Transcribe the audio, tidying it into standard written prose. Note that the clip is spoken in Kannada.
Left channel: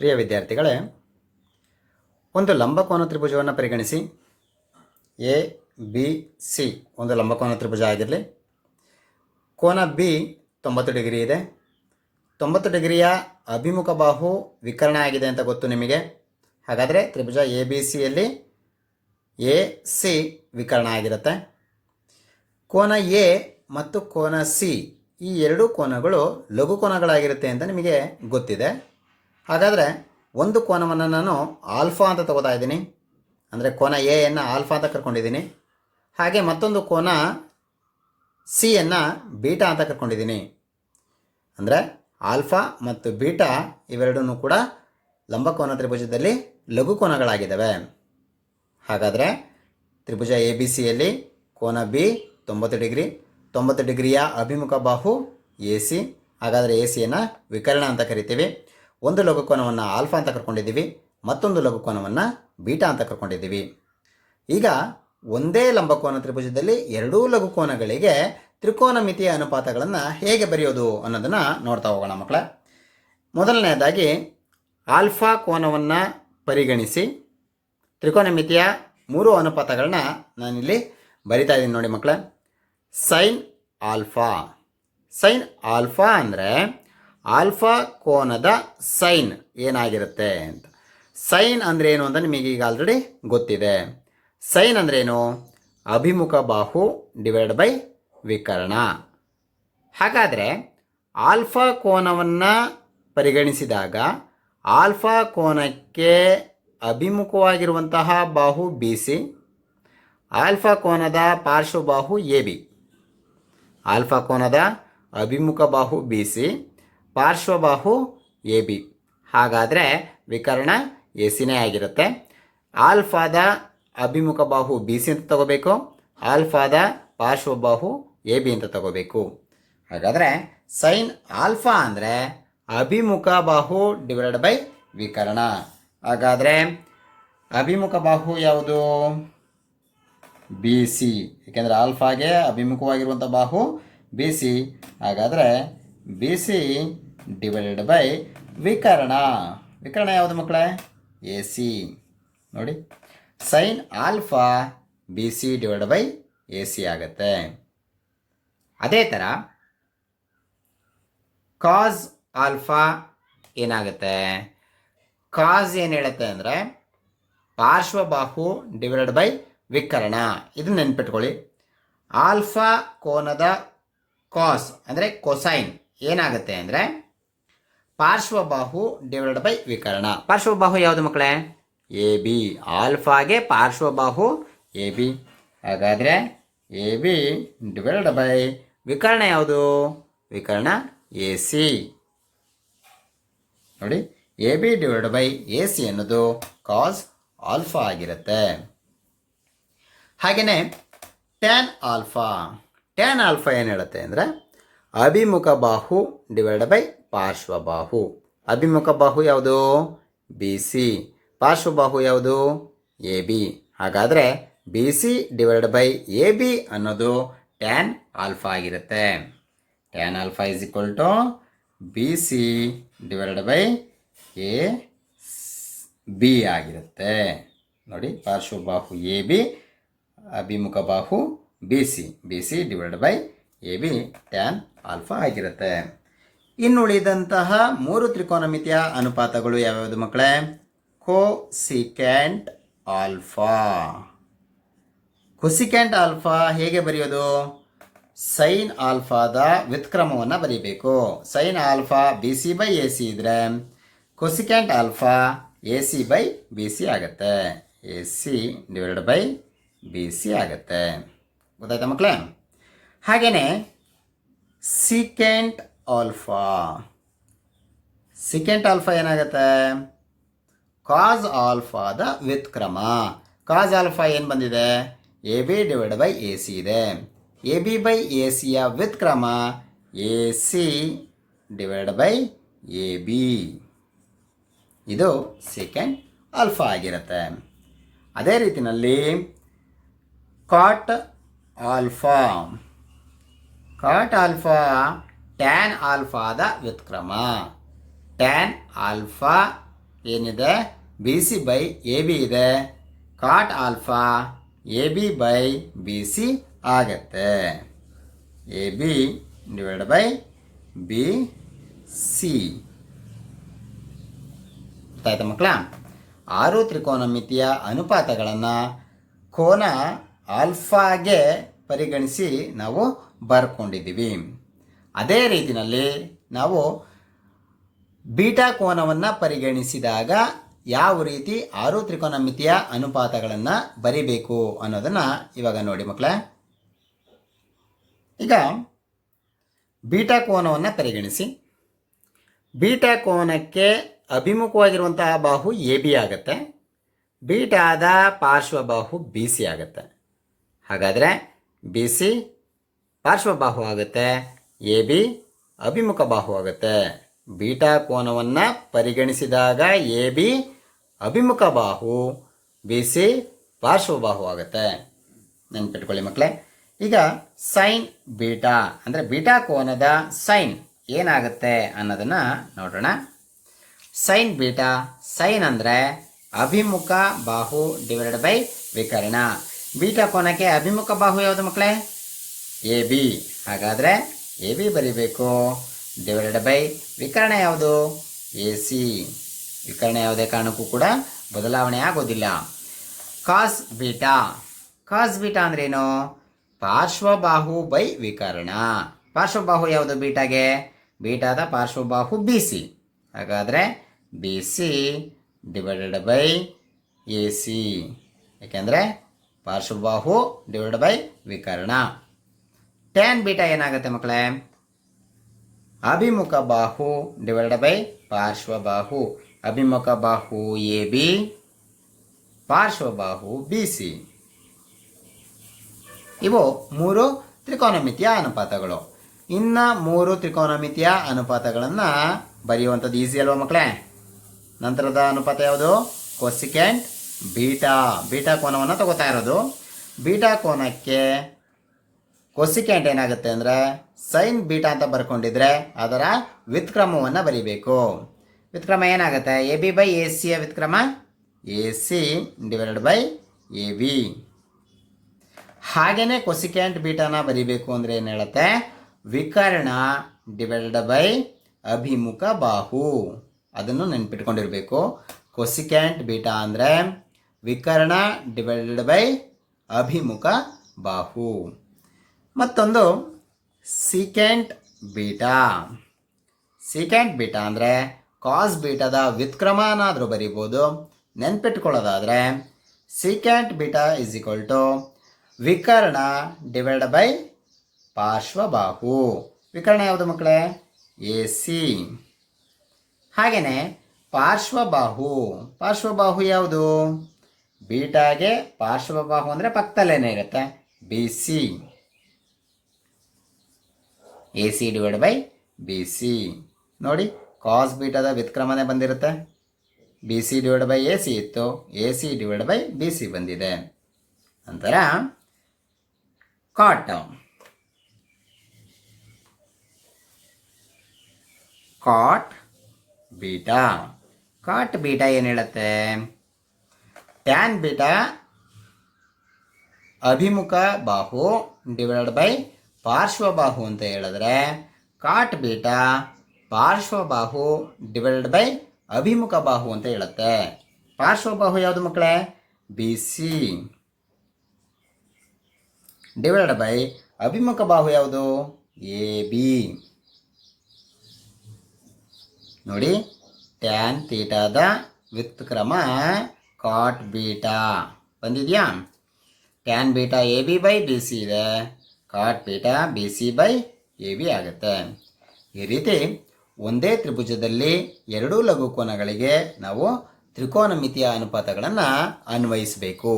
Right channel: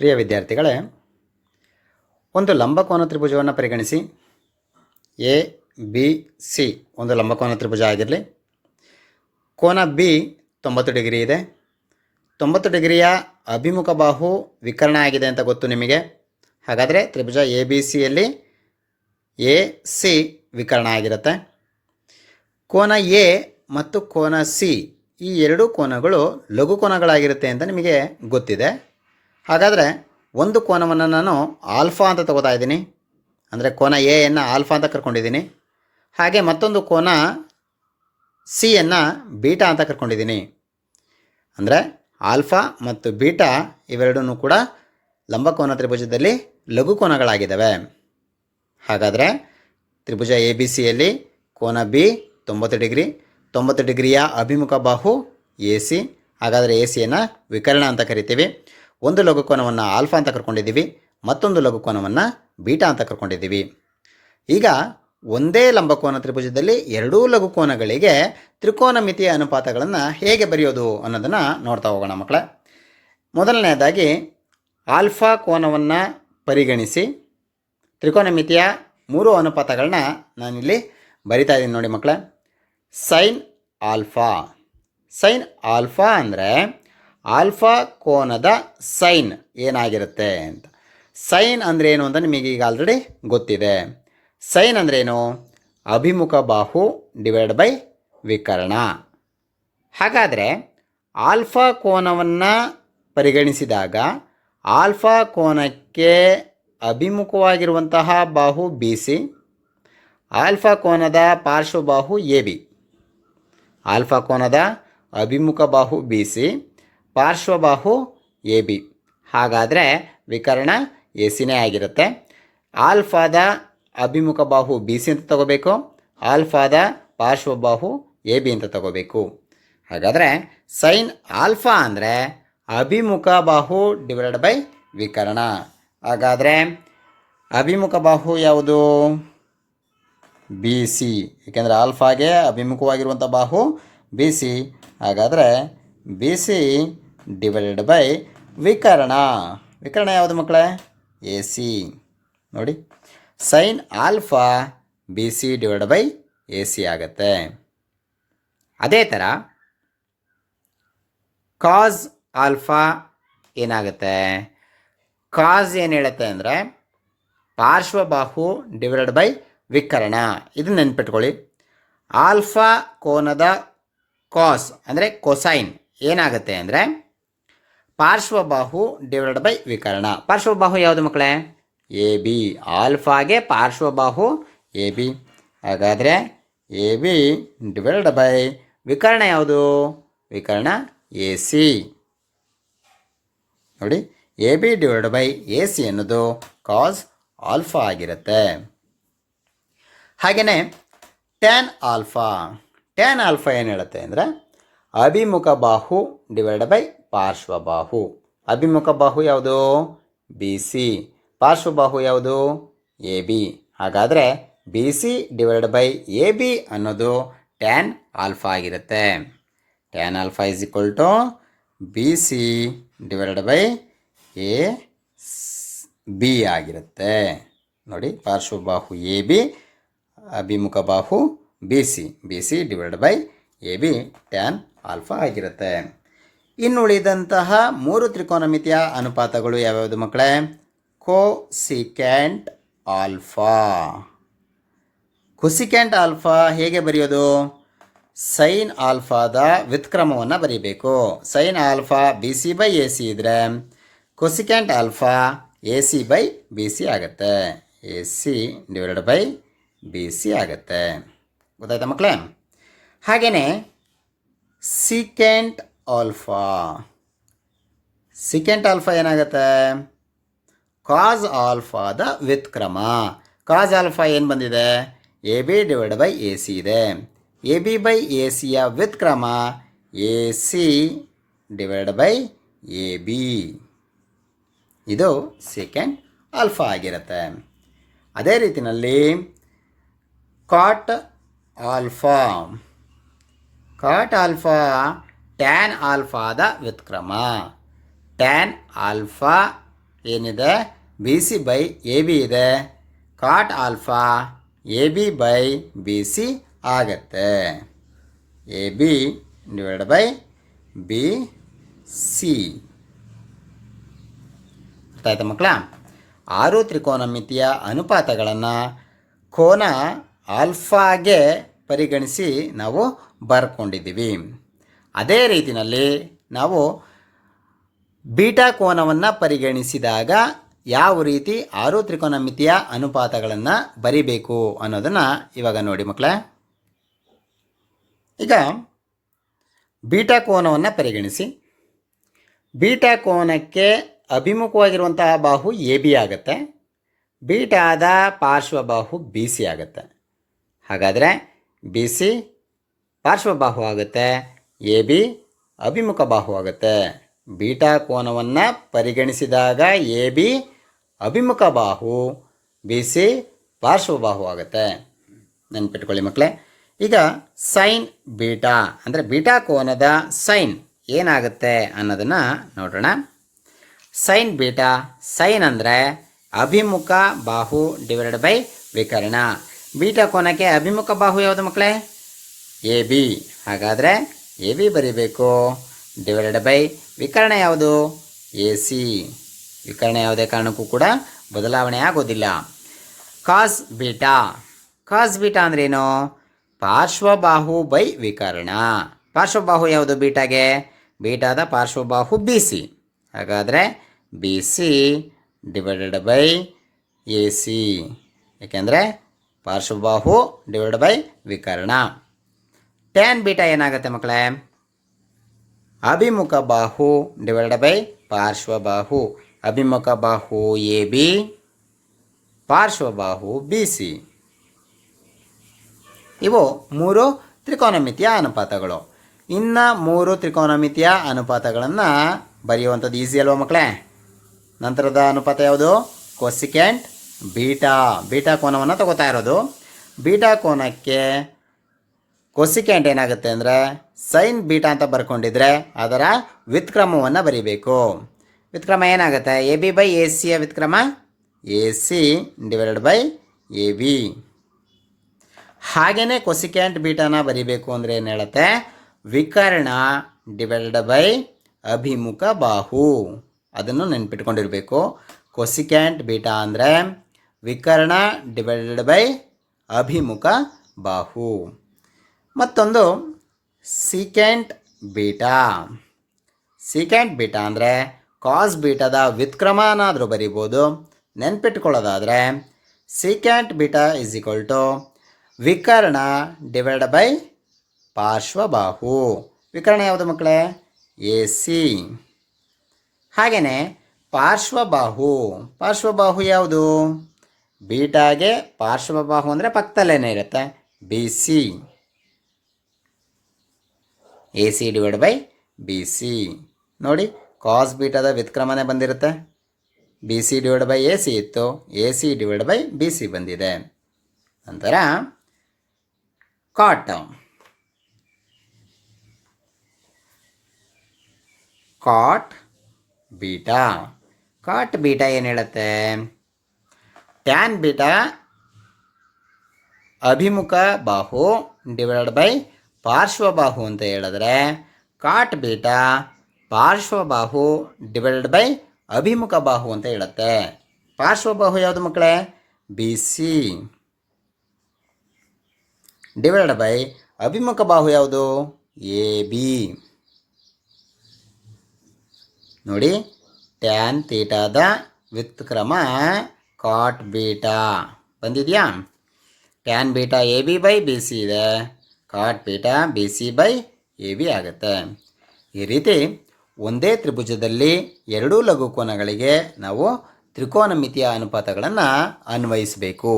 ಪ್ರಿಯ ವಿದ್ಯಾರ್ಥಿಗಳೇ, ಒಂದು ಲಂಬಕೋನ ತ್ರಿಭುಜವನ್ನು ಪರಿಗಣಿಸಿ. ಎ ಬಿ ಸಿ ಒಂದು ಲಂಬಕೋನ ತ್ರಿಭುಜ ಆಗಿರಲಿ. ಕೋನ ಬಿ 90 ಡಿಗ್ರಿ ಇದೆ. 90 ಡಿಗ್ರಿಯ ಅಭಿಮುಖ ಬಾಹು ವಿಕರ್ಣ ಆಗಿದೆ ಅಂತ ಗೊತ್ತು ನಿಮಗೆ. ಹಾಗಾದರೆ ತ್ರಿಭುಜ ಎ ಬಿ ಸಿಯಲ್ಲಿ ಎ ಸಿ ವಿಕರ್ಣ ಆಗಿರುತ್ತೆ. ಕೋನ ಎ ಮತ್ತು ಕೋನ ಸಿ ಈ ಎರಡೂ ಕೋನಗಳು ಲಘು ಕೋನಗಳಾಗಿರುತ್ತೆ ಅಂತ ನಿಮಗೆ ಗೊತ್ತಿದೆ. ಹಾಗಾದರೆ ಒಂದು ಕೋನವನ್ನು ನಾನು ಆಲ್ಫಾ ಅಂತ ತಗೋತಾ ಇದ್ದೀನಿ, ಅಂದರೆ ಕೋನ ಎಯನ್ನು ಆಲ್ಫಾ ಅಂತ ಕರ್ಕೊಂಡಿದ್ದೀನಿ. ಹಾಗೆ ಮತ್ತೊಂದು ಕೋನ ಸಿಯನ್ನು ಬೀಟಾ ಅಂತ ಕರ್ಕೊಂಡಿದ್ದೀನಿ. ಅಂದರೆ ಆಲ್ಫಾ ಮತ್ತು ಬೀಟಾ ಇವೆರಡೂ ಕೂಡ ಲಂಬಕೋನ ತ್ರಿಭುಜದಲ್ಲಿ ಲಘು ಕೋನಗಳಾಗಿದ್ದಾವೆ. ಹಾಗಾದರೆ ತ್ರಿಭುಜ ಎ ಬಿ ಸಿಯಲ್ಲಿ ಕೋನ ಬಿ 90 ಡಿಗ್ರಿ, 90 ಡಿಗ್ರಿಯ ಅಭಿಮುಖ ಬಾಹು ಎ ಸಿ. ಹಾಗಾದರೆ ಎ ಸಿಯನ್ನು ವಿಕರ್ಣ ಅಂತ ಕರಿತೀವಿ. ಒಂದು ಲಘುಕೋನವನ್ನು ಆಲ್ಫಾ ಅಂತ ಕರ್ಕೊಂಡಿದ್ದೀವಿ, ಮತ್ತೊಂದು ಲಘುಕೋನವನ್ನು ಬೀಟಾ ಅಂತ ಕರ್ಕೊಂಡಿದ್ದೀವಿ. ಈಗ ಒಂದೇ ಲಂಬಕೋನ ತ್ರಿಭುಜದಲ್ಲಿ ಎರಡೂ ಲಘುಕೋನಗಳಿಗೆ ತ್ರಿಕೋನಮಿತಿಯ ಅನುಪಾತಗಳನ್ನು ಹೇಗೆ ಬರೆಯೋದು ಅನ್ನೋದನ್ನು ನೋಡ್ತಾ ಹೋಗೋಣ ಮಕ್ಕಳೇ. ಮೊದಲನೆಯದಾಗಿ ಆಲ್ಫಾ ಕೋನವನ್ನು ಪರಿಗಣಿಸಿ ತ್ರಿಕೋನಮಿತಿಯ 3 ಅನುಪಾತಗಳನ್ನ ನಾನಿಲ್ಲಿ ಬರಿತಾ ಇದ್ದೀನಿ ನೋಡಿ ಮಕ್ಕಳೇ. Sine alpha. ಸೈನ್ ಆಲ್ಫಾ ಅಂದರೆ ಆಲ್ಫಾ ಕೋನದ ಸೈನ್ ಏನಾಗಿರುತ್ತೆ ಅಂತ. ಸೈನ್ ಅಂದರೆ ಏನು ಅಂತ ನಿಮಗೆ ಈಗ ಆಲ್ರೆಡಿ ಗೊತ್ತಿದೆ. ಸೈನ್ ಅಂದ್ರೇನು? ಅಭಿಮುಖ ಬಾಹು ಡಿವೈಡ್ ಬೈ ವಿಕರ್ಣ. ಹಾಗಾದರೆ ಆಲ್ಫಾ ಕೋನವನ್ನು ಪರಿಗಣಿಸಿದಾಗ ಆಲ್ಫಾ ಕೋನಕ್ಕೆ ಅಭಿಮುಖವಾಗಿರುವಂತಹ ಬಾಹು ಬಿ ಸಿ, ಆಲ್ಫಾ ಕೋನದ ಪಾರ್ಶ್ವಬಾಹು ಎ ಬಿ. ಆಲ್ಫಾ ಕೋನದ ಅಭಿಮುಖ ಬಾಹು ಬಿ ಸಿ, ಪಾರ್ಶ್ವಬಾಹು ಎ ಬಿ. ಹಾಗಾದರೆ ವಿಕರ್ಣ ಎ ಸಿನೇ ಆಗಿರುತ್ತೆ. ಆಲ್ಫಾದ ಅಭಿಮುಖ ಬಾಹು ಬಿ ಸಿ ಅಂತ ತಗೋಬೇಕು, ಆಲ್ಫಾದ ಪಾರ್ಶ್ವಬಾಹು ಎ ಬಿ ಅಂತ ತಗೋಬೇಕು. ಹಾಗಾದರೆ ಸೈನ್ ಆಲ್ಫಾ ಅಂದರೆ ಅಭಿಮುಖ ಬಾಹು ಡಿವೈಡೆಡ್ ಬೈ ವಿಕರ್ಣ. ಹಾಗಾದರೆ ಅಭಿಮುಖ ಬಾಹು ಯಾವುದು? B C. ಏಕೆಂದರೆ ಆಲ್ಫಾಗೆ ಅಭಿಮುಖವಾಗಿರುವಂಥ ಬಾಹು ಬಿ ಸಿ. ಹಾಗಾದರೆ ಬಿ ಸಿ ಡಿವೈಡೆಡ್ ಬೈ ವಿಕರ್ಣ. ವಿಕರ್ಣ ಯಾವುದು ಮಕ್ಕಳೇ? A C. ನೋಡಿ, sine alpha B C divide by A C ಆಗುತ್ತೆ. ಅದೇ ಥರ ಕಾಸ್ ಆಲ್ಫಾ ಏನಾಗುತ್ತೆ? ಕಾಸ್ ಏನು ಹೇಳುತ್ತೆ ಅಂದರೆ ಪಾರ್ಶ್ವಬಾಹು ಡಿವೈಡೆಡ್ ಬೈ ವಿಕರ್ಣ. ಇದನ್ನು ನೆನ್ಪಿಟ್ಕೊಳ್ಳಿ. ಆಲ್ಫಾ ಕೋನದ ಕಾಸ್ ಅಂದರೆ ಕೊಸೈನ್ ಏನಾಗುತ್ತೆ ಅಂದರೆ ಪಾರ್ಶ್ವಬಾಹು ಡಿವೈಡೆಡ್ ಬೈ ವಿಕರ್ಣ. ಪಾರ್ಶ್ವಬಾಹು ಯಾವುದು ಮಕ್ಕಳೇ? A B. ಆಲ್ಫಾಗೆ ಪಾರ್ಶ್ವಬಾಹು ಎ ಬಿ. ಹಾಗಾದರೆ ಎ ಬಿ ಡಿವೈಡೆಡ್ ಬೈ ವಿಕರ್ಣ ಯಾವುದು? ವಿಕರ್ಣ ಎ ಸಿ. ನೋಡಿ, A B divide by A C ಅನ್ನೋದು ಕಾಸ್ ಆಲ್ಫಾ ಆಗಿರುತ್ತೆ. ಹಾಗೆಯೇ ಟ್ಯಾನ್ ಆಲ್ಫಾ. ಟ್ಯಾನ್ ಆಲ್ಫಾ ಏನು ಹೇಳುತ್ತೆ ಅಂದರೆ ಅಭಿಮುಖ ಬಾಹು ಡಿವೈಡ್ ಬೈ ಪಾರ್ಶ್ವಬಾಹು. ಅಭಿಮುಖ ಬಾಹು ಯಾವುದು? B C. ಪಾರ್ಶ್ವಬಾಹು ಯಾವುದು? A B. ಹಾಗಾದರೆ B C divide by A B ಅನ್ನೋದು ಟ್ಯಾನ್ ಆಲ್ಫಾ ಆಗಿರುತ್ತೆ. Tan alpha is equal to B C divide by A B ಆಗಿರುತ್ತೆ. ನೋಡಿ, ಪಾರ್ಶ್ವಬಾಹು ಎ ಬಿ, ಅಭಿಮುಖ ಬಾಹು B C. B C divide by A B tan alpha ಆಗಿರುತ್ತೆ. ಇನ್ನುಳಿದಂತಹ 3 ತ್ರಿಕೋನಮಿತಿಯ ಅನುಪಾತಗಳು ಯಾವ್ಯಾವುದು ಮಕ್ಕಳೇ? Cosecant alpha. ಕೊಸಿಕ್ಯಾಂಟ್ ಆಲ್ಫಾ ಹೇಗೆ ಬರೆಯೋದು? ಸೈನ್ ಆಲ್ಫಾದ ವ್ಯುತ್ಕ್ರಮವನ್ನು ಬರೀಬೇಕು. Sine alpha B C by A C ಇದ್ದರೆ cosecant alpha A C by B C ಆಗುತ್ತೆ. A C divided by B C ಆಗುತ್ತೆ. ಗೊತ್ತಾಯ್ತಾ ಮಕ್ಕಳೇ? ಹಾಗೆಯೇ ಸಿಕೆಂಟ್ ಆಲ್ಫಾ. ಸಿಕೆಂಟ್ ಆಲ್ಫಾ ಏನಾಗುತ್ತೆ? ಕಾಸ್ ಆಲ್ಫಾದ ವ್ಯುತ್ಕ್ರಮ. ಕಾಸ್ ಆಲ್ಫಾ ಏನು ಬಂದಿದೆ? A B divide by A C ಇದೆ. ಎ ಬಿ ಬೈ ಎ ಸಿಯ ವ್ಯುತ್ಕ್ರಮ A C divide by A B. ಇದು ಸಿಕೆಂಟ್ ಆಲ್ಫಾ ಆಗಿರುತ್ತೆ. ಅದೇ ರೀತಿಯಲ್ಲಿ cot alpha. Cot alpha tan ಆಲ್ಫಾದ ವ್ಯುತ್ಕ್ರಮ. ಟ್ಯಾನ್ ಆಲ್ಫಾ ಏನಿದೆ B C by A B ಇದೆ. Cot alpha A B by B C ಆಗತ್ತೆ. A B divide by B C. ಆಯ್ತಾ ಮಕ್ಕಳ? 6 ತ್ರಿಕೋನಮಿತಿಯ ಅನುಪಾತಗಳನ್ನು ಕೋನ ಆಲ್ಫಾಗೆ ಪರಿಗಣಿಸಿ ನಾವು ಬರ್ಕೊಂಡಿದ್ದೀವಿ. ಅದೇ ರೀತಿಯಲ್ಲಿ ನಾವು ಬೀಟಾ ಕೋನವನ್ನು ಪರಿಗಣಿಸಿದಾಗ ಯಾವ ರೀತಿ 6 ತ್ರಿಕೋನಮಿತಿಯ ಅನುಪಾತಗಳನ್ನು ಬರಿಬೇಕು ಅನ್ನೋದನ್ನು ಇವಾಗ ನೋಡಿ ಮಕ್ಕಳೇ. ಈಗ ಬೀಟಾ ಕೋನವನ್ನು ಪರಿಗಣಿಸಿ. ಬೀಟಾ ಕೋನಕ್ಕೆ ಅಭಿಮುಖವಾಗಿರುವಂತಹ ಬಾಹು ಎ ಬಿ ಆಗುತ್ತೆ. ಬೀಟಾದ ಪಾರ್ಶ್ವಬಾಹು ಬಿ ಸಿ ಆಗುತ್ತೆ. ಹಾಗಾದರೆ ಬಿ ಸಿ ಪಾರ್ಶ್ವಬಾಹು ಆಗುತ್ತೆ, ಎ ಬಿ ಅಭಿಮುಖ ಬಾಹು ಆಗುತ್ತೆ. ಬೀಟಾ ಕೋನವನ್ನು ಪರಿಗಣಿಸಿದಾಗ ಎ ಬಿ ಅಭಿಮುಖ ಬಾಹು, ಬಿ ಸಿ ಪಾರ್ಶ್ವಬಾಹು ಆಗುತ್ತೆ. ನೆನ್ಪಿಟ್ಕೊಳ್ಳಿ ಮಕ್ಕಳೇ. ಈಗ ಸೈನ್ ಬೀಟಾ ಅಂದರೆ ಬೀಟಾ ಕೋನದ ಸೈನ್ ಏನಾಗುತ್ತೆ ಅನ್ನೋದನ್ನು ನೋಡೋಣ. ಸೈನ್ ಬೀಟಾ, ಸೈನ್ ಅಂದರೆ ಅಭಿಮುಖ ಬಾಹು ಡಿವೈಡೆಡ್ ಬೈ ವಿಕರ್ಣ. ಬೀಟಾ ಕೋನಕ್ಕೆ ಅಭಿಮುಖ ಬಾಹು ಯಾವುದು ಮಕ್ಕಳೇ? A B. ಹಾಗಾದರೆ ಎ ಬಿ ಬರೀಬೇಕು ಡಿವೈಡೆಡ್ ಬೈ ವಿಕರ್ಣ ಯಾವುದು? A C. ವಿಕರ್ಣ ಯಾವುದೇ ಕಾರಣಕ್ಕೂ ಕೂಡ ಬದಲಾವಣೆ ಆಗೋದಿಲ್ಲ. ಕಾಸ್ ಬೀಟಾ, ಕಾಸ್ ಬೀಟಾ ಅಂದ್ರೇನು? ಪಾರ್ಶ್ವಬಾಹು ಬೈ ವಿಕರ್ಣ. ಪಾರ್ಶ್ವಬಾಹು ಯಾವುದು ಬೀಟಾಗೆ? ಬೀಟಾದ ಪಾರ್ಶ್ವಬಾಹು ಬಿ ಸಿ. ಹಾಗಾದರೆ B C divided by A C. ಏಕೆಂದರೆ ಪಾರ್ಶ್ವಬಾಹು ಡಿವೈಡೆಡ್ ಬೈ ವಿಕರ್ಣ. ಟ್ಯಾನ್ ಬೀಟಾ ಏನಾಗುತ್ತೆ ಮಕ್ಕಳೇ? ಅಭಿಮುಖ ಬಾಹು ಡಿವೈಡೆಡ್ ಬೈ ಪಾರ್ಶ್ವಬಾಹು. ಅಭಿಮುಖ ಬಾಹು ಎ ಬಿ, ಪಾರ್ಶ್ವಬಾಹು ಬಿ ಸಿ. ಇವು 3 ತ್ರಿಕೋನಮಿತಿಯ ಅನುಪಾತಗಳು. ಇನ್ನು 3 ತ್ರಿಕೋನಮಿತಿಯ ಅನುಪಾತಗಳನ್ನು ಬರೆಯುವಂಥದ್ದು ಈಸಿ ಅಲ್ವಾ ಮಕ್ಕಳೇ? ನಂತರದ ಅನುಪಾತ ಯಾವುದು? Cosecant beta. ಬೀಟಾ ಕೋನವನ್ನು ತಗೋತಾ ಇರೋದು. ಬೀಟಾ ಕೋನಕ್ಕೆ ಕೊಸಿಕೆಂಟ್ ಏನಾಗುತ್ತೆ ಅಂದರೆ ಸೈನ್ ಬೀಟಾ ಅಂತ ಬರ್ಕೊಂಡಿದ್ರೆ ಅದರ ವ್ಯುತ್ಕ್ರಮವನ್ನು ಬರೀಬೇಕು. ವ್ಯುತ್ಕ್ರಮ ಏನಾಗುತ್ತೆ? ಎ ಬಿ ಬೈ ಎ ಸಿಯ ವ್ಯುತ್ಕ್ರಮ A C divided by A B. ಹಾಗೆಯೇ ಕೊಸಿಕೆಂಟ್ ಬೀಟಾನ ಬರೀಬೇಕು ಅಂದರೆ ಏನು ಹೇಳುತ್ತೆ? ವಿಕರ್ಣ ಡಿವೈಡೆಡ್ ಬೈ ಅಭಿಮುಖ ಬಾಹು. ಅದನ್ನು ನೆನ್ಪಿಟ್ಕೊಂಡಿರಬೇಕು. ಕೊಸಿಕ್ಯಾಂಟ್ ಬೀಟಾ ಅಂದರೆ ವಿಕರ್ಣ ಡಿವೈಡೆಡ್ ಬೈ ಅಭಿಮುಖ ಬಾಹು. ಮತ್ತೊಂದು ಸೀಕೆಂಟ್ ಬೀಟಾ. ಸೀಕೆಂಟ್ ಬೀಟಾ ಅಂದರೆ ಕಾಸ್ ಬೀಟಾದ ವ್ಯುತ್ಕ್ರಮನಾದರೂ ಬರೀಬೋದು. ನೆನ್ಪಿಟ್ಕೊಳ್ಳೋದಾದರೆ secant beta is equal to ವಿಕರ್ಣ ಡಿವೈಡ್ ಬೈ ಪಾರ್ಶ್ವಬಾಹು. ವಿಕರ್ಣ ಯಾವುದು ಮಕ್ಕಳೇ? A C. ಹಾಗೆಯೇ ಪಾರ್ಶ್ವಬಾಹು. ಪಾರ್ಶ್ವಬಾಹು ಯಾವುದು? ಬೀಟಾಗೆ ಪಾರ್ಶ್ವಬಾಹು ಅಂದರೆ ಪಕ್ಕದಲ್ಲೇ ಇರುತ್ತೆ, B C. A C divide by B C. ನೋಡಿ, ಕಾಸ್ ಬೀಟಾದ ವ್ಯುತ್ಕ್ರಮನೇ ಬಂದಿರುತ್ತೆ. B C divide by A C ಇತ್ತು, A C divide by B C ಬಂದಿದೆ. ನಂತರ ಕಾಟ್. ಕಾಟ್ ಬೀಟಾ. ಕಾಟ್ ಬೀಟಾ ಏನು ಹೇಳುತ್ತೆ? ಟ್ಯಾನ್ ಬೀಟಾ ಅಭಿಮುಖ ಬಾಹು ಡಿವೈಡ್ ಬೈ ಪಾರ್ಶ್ವಬಾಹು ಅಂತ ಹೇಳಿದ್ರೆ, ಕಾಟ್ ಬೀಟಾ ಪಾರ್ಶ್ವಬಾಹು ಡಿವೈಡೆಡ್ ಬೈ ಅಭಿಮುಖ ಬಾಹು ಅಂತ ಹೇಳುತ್ತೆ. ಪಾರ್ಶ್ವಬಾಹು ಯಾವುದು ಮಕ್ಕಳೇ? ಬಿ ಸಿ ಡಿವೈಡೆಡ್ ಬೈ ಅಭಿಮುಖ ಬಾಹು ಯಾವುದು? A B. ನೋಡಿ, ಟ್ಯಾನ್ ತೀಟಾದ ವ್ಯುತ್ಕ್ರಮ ಕಾಟ್ ಬೀಟಾ ಬಂದಿದೆಯಾ? Tan beta A B by B C ಇದೆ, cot beta B C by A B ಆಗುತ್ತೆ. ಈ ರೀತಿ ಒಂದೇ ತ್ರಿಭುಜದಲ್ಲಿ ಎರಡೂ ಲಘುಕೋನಗಳಿಗೆ ನಾವು ತ್ರಿಕೋನಮಿತಿಯ ಅನುಪಾತಗಳನ್ನು ಅನ್ವಯಿಸಬೇಕು.